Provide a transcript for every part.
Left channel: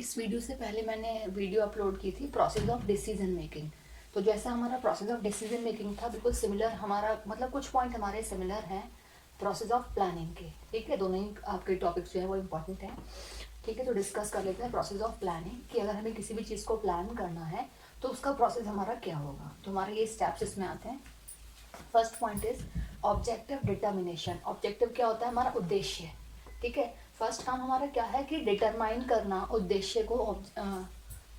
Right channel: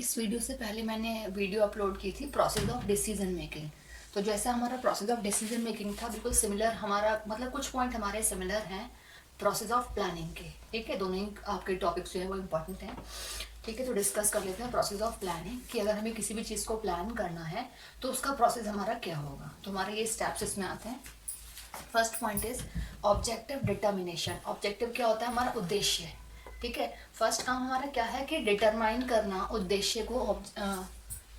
इस वीडियो से पहले मैंने वीडियो अपलोड की थी प्रोसेस ऑफ डिसीजन मेकिंग। तो जैसा हमारा प्रोसेस ऑफ डिसीजन मेकिंग था बिल्कुल सिमिलर हमारा मतलब कुछ पॉइंट हमारे सिमिलर हैं प्रोसेस ऑफ प्लानिंग के। ठीक है, दोनों ही आपके टॉपिक्स जो है वो इम्पोर्टेंट हैं। ठीक है, तो डिस्कस कर लेते हैं प्रोसेस ऑफ प्लानिंग कि अगर हमें किसी भी चीज़ को प्लान करना है तो उसका प्रोसेस हमारा क्या होगा। तो हमारे ये स्टेप्स इसमें आते हैं। First point is objective determination. Objective क्या होता है? हमारा उद्देश्य। ठीक है, फर्स्ट काम हमारा क्या है कि डिटरमाइन करना उद्देश्य को,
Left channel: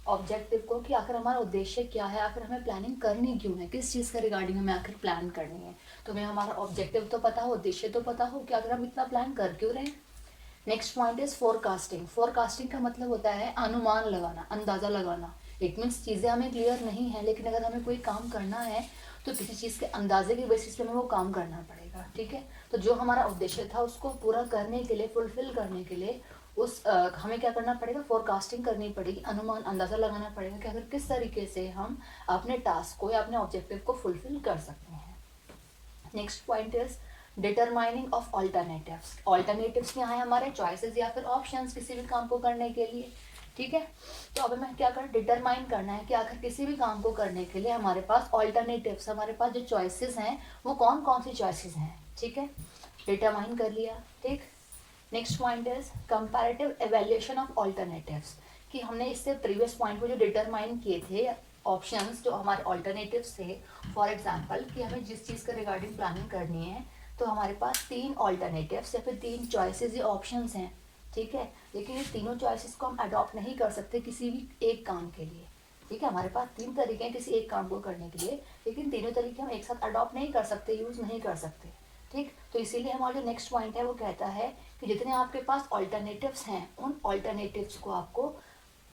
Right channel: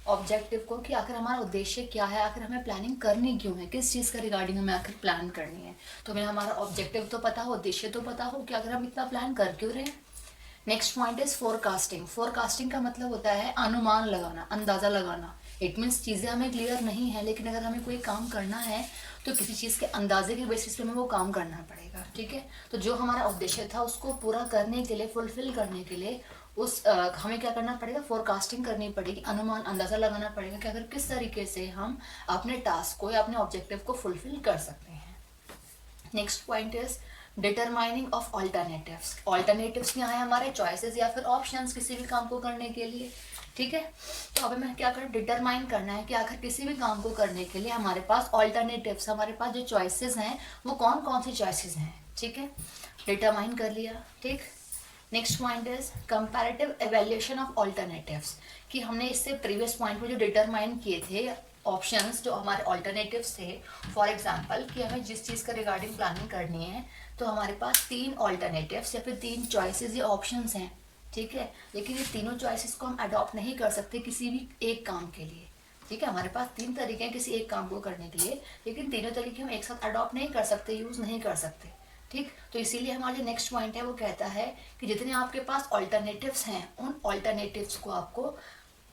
ऑब्जेक्टिव को, कि आखिर हमारा उद्देश्य क्या है, आखिर हमें प्लानिंग करनी क्यों है, किस चीज़ का रिगार्डिंग हमें आखिर प्लान करनी है। तो हमें हमारा ऑब्जेक्टिव तो पता हो, उद्देश्य तो पता हो कि आखिर हम इतना प्लान कर क्यों रहे हैं। Next point is forecasting. Forecasting का मतलब होता है अनुमान लगाना, अंदाज़ा लगाना। इट मीन्स चीज़ें हमें क्लियर नहीं है, लेकिन अगर हमें कोई काम करना है तो किसी चीज़ के अंदाजे के बेसिस पे हमें वो काम करना पड़ेगा। ठीक है, तो जो हमारा उद्देश्य था उसको पूरा करने के लिए, फुलफिल करने के लिए हमें क्या करना पड़ेगा? फोरकास्टिंग करनी पड़ेगी, अनुमान, अंदाज़ा लगाना पड़ेगा कि अगर किस तरीके से हम अपने टास्क को या अपने ऑब्जेक्टिव को फुलफिल कर सकते हैं। Next point is determining of alternatives. Alternatives क्या है? हमारे चॉइसेस या फिर ऑप्शंस किसी भी काम को करने के लिए। ठीक है, तो अब हमें क्या करना, डिटरमाइन करना है कि आखिर किसी भी काम को करने के लिए हमारे पास ऑल्टरनेटिव्स, हमारे पास जो चॉइसेस हैं वो कौन कौन सी चॉइसेस हैं। ठीक है, डिटरमाइन कर लिया। ठीक, next point is comparative evaluation of alternatives, कि हमने इससे प्रीवियस पॉइंट में जो डिटरमाइन किए थे ऑप्शंस, जो हमारे ऑल्टरनेटिव्स थे, फॉर एग्जांपल कि हमें जिस चीज़ का रिगार्डिंग प्लानिंग करनी है तो हमारे पास 3 ऑल्टरनेटिव्स या फिर 3 चॉइसेस या ऑप्शंस हैं। ठीक है, लेकिन ये तीनों चॉइसेस को हम अडॉप्ट नहीं कर सकते किसी भी एक काम के लिए। ठीक है, हमारे पास 3 तरीके हैं किसी एक काम को करने के लिए, लेकिन तीनों तरीके हम एक साथ अडॉप्ट नहीं कर सकते, यूज़ नहीं कर सकते। ठीक, तो इसीलिए हमारा जो नेक्स्ट पॉइंट है वो कहता है कि जितने आपके पास ऑल्टरनेटिव्स हैं उन ऑल्टरनेटिव्स को आपको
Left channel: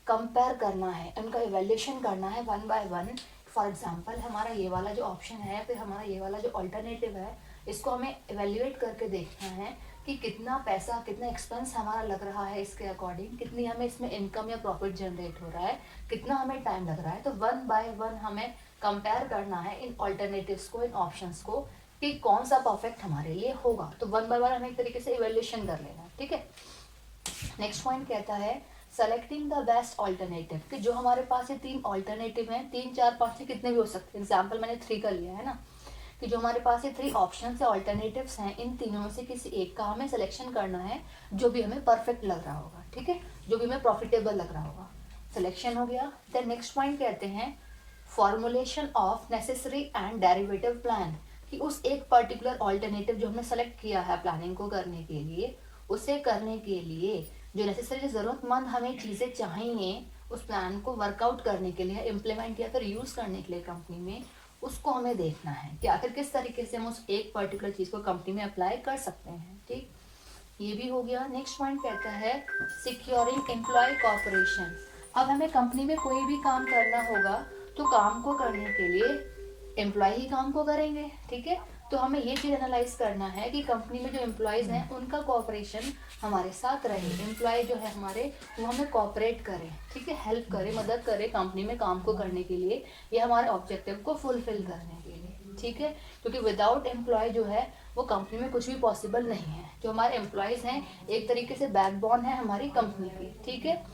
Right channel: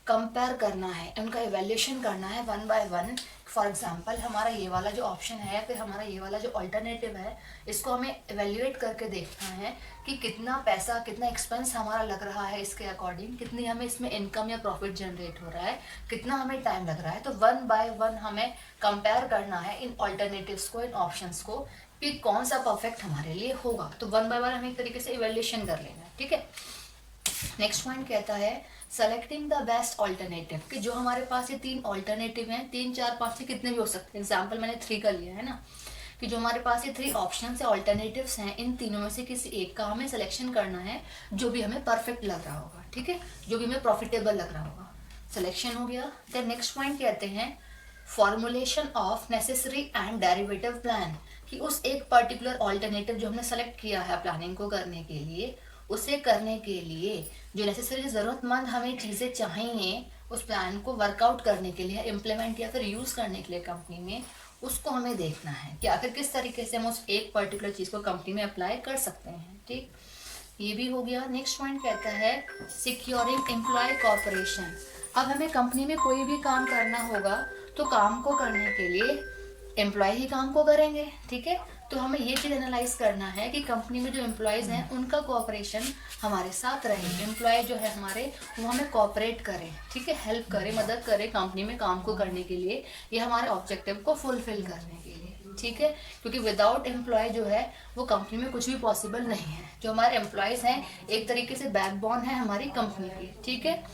कंपेयर करना है, उनका इवेल्यूशन करना है one by one. For example हमारा ये वाला जो ऑप्शन है, फिर हमारा ये वाला जो ऑल्टरनेटिव है, इसको हमें इवेल्यूएट करके देखना है कि कितना पैसा, कितना एक्सपेंस हमारा लग रहा है इसके अकॉर्डिंग, कितनी हमें इसमें इनकम या प्रॉफिट जनरेट हो रहा है, कितना हमें टाइम लग रहा है। तो वन बाय वन हमें कंपेयर करना है इन ऑल्टरनेटिव्स को, इन ऑप्शंस को, कि कौन सा परफेक्ट हमारे लिए होगा। तो वन बाय वन हमें एक तरीके से इवेल्यूशन कर लेना है। ठीक है, नेक्स्ट पॉइंट कहता है सेलेक्टिंग द बेस्ट ऑल्टरनेटिव, कि जो हमारे पास ये 3 ऑल्टरनेटिव हैं, 3 4 5 से कितने भी हो सकते हैं, एग्जाम्पल मैंने 3 का लिया है ना, कि जो हमारे पास ये 3 ऑप्शन या ऑल्टरनेटिव्स हैं, इन तीनों में से किसी एक का हमें सिलेक्शन करना है जो भी हमें परफेक्ट लग रहा होगा। ठीक है, जो भी हमें प्रॉफिटेबल लग रहा होगा। सिलेक्शन हो गया। देन नेक्स्ट पॉइंट कहते हैं formulation of necessary and derivative plan, कि उस एक पर्टिकुलर ऑल्टरनेटिव जो हमने सेलेक्ट किया है प्लानिंग को करने के लिए, उसे करने के लिए जो नेसेसरी, ज़रूरतमंद हमें चीज़ें चाहिए उस प्लान को वर्कआउट करने के लिए, इम्प्लीमेंट या फिर यूज़ करने के लिए कंपनी में, उसको हमें देखना है कि आखिर किस तरीके से हम उस एक पर्टिकुलर चीज़ को कंपनी में अप्लाई कर सकते हैं। ठीक, ये भी हो गया। नेक्स्ट पॉइंट कहता है सिक्योरिंग एम्प्लॉय कॉपरेशन। अब हमें कंपनी में कोई भी काम करना होगा तो काम को करने के लिए एम्प्लॉय ही काम को करेंगे। ठीक है, तो हमें ये चीज़ एनालाइज करना है कि कंपनी में जो एम्प्लॉयज़ हैं उनका कोऑपरेशन हमारे साथ रहे, एम्प्लॉय जो है हमारे वो हमें कोऑपरेट करें। ठीक है, हेल्प करें, मदद करें कंपनी में काम को करने के लिए, ये हमारे ऑब्जेक्टिव को फुलफिल करने के लिए। ठीक है, क्योंकि विदाउट एम्प्लॉय जो है वो कंपनी में कुछ भी पॉसिबल नहीं है। जो हमारे एम्प्लॉयज़ हैं एक तरीके से बैकबोन है हमारी कंपनी की। ठीक है,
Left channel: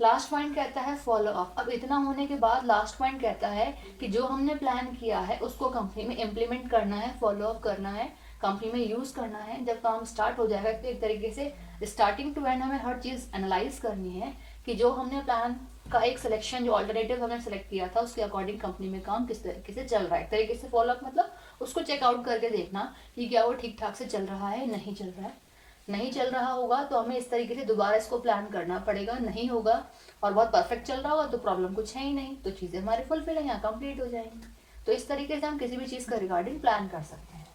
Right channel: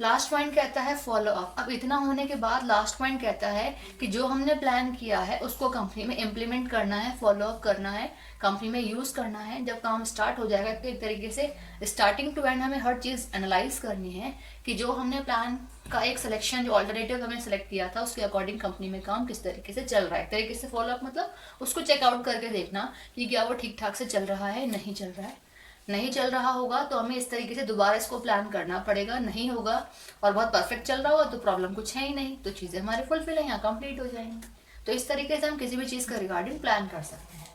लास्ट पॉइंट कहता है फॉलो अप। अब इतना होने के बाद लास्ट पॉइंट कहता है कि जो हमने प्लान किया है उसको कंपनी में इम्प्लीमेंट करना है, फॉलो अप करना है, कंपनी में यूज़ करना है। जब काम स्टार्ट हो जाएगा तो एक तरीके से स्टार्टिंग टू एंड हमें हर चीज़ एनालाइज करनी है कि जो हमने प्लान का एक सिलेक्शन, जो ऑल्टरनेटिव हमने सेलेक्ट किया था उसके अकॉर्डिंग कंपनी में काम किस तरीके से चल रहा है। एक तरीके से फॉलो अप मतलब उसको चेकआउट करके देखना कि क्या वो ठीक ठाक से चल रहा है, नहीं चल रहा है। नहीं चल रहा होगा तो हमें इस तरीके से दोबारा इसको प्लान करना पड़ेगा। नहीं होगा और बहुत परफेक्ट चल रहा होगा तो प्रॉब्लम कुछ है ही नहीं, तो चीज़ें हमारे फुलफिल है, यहाँ कंप्लीट हो जाएंगी। तो इस तरीके से हम किसी भी चीज़ का रिगार्डिंग प्लान कर सकते हैं।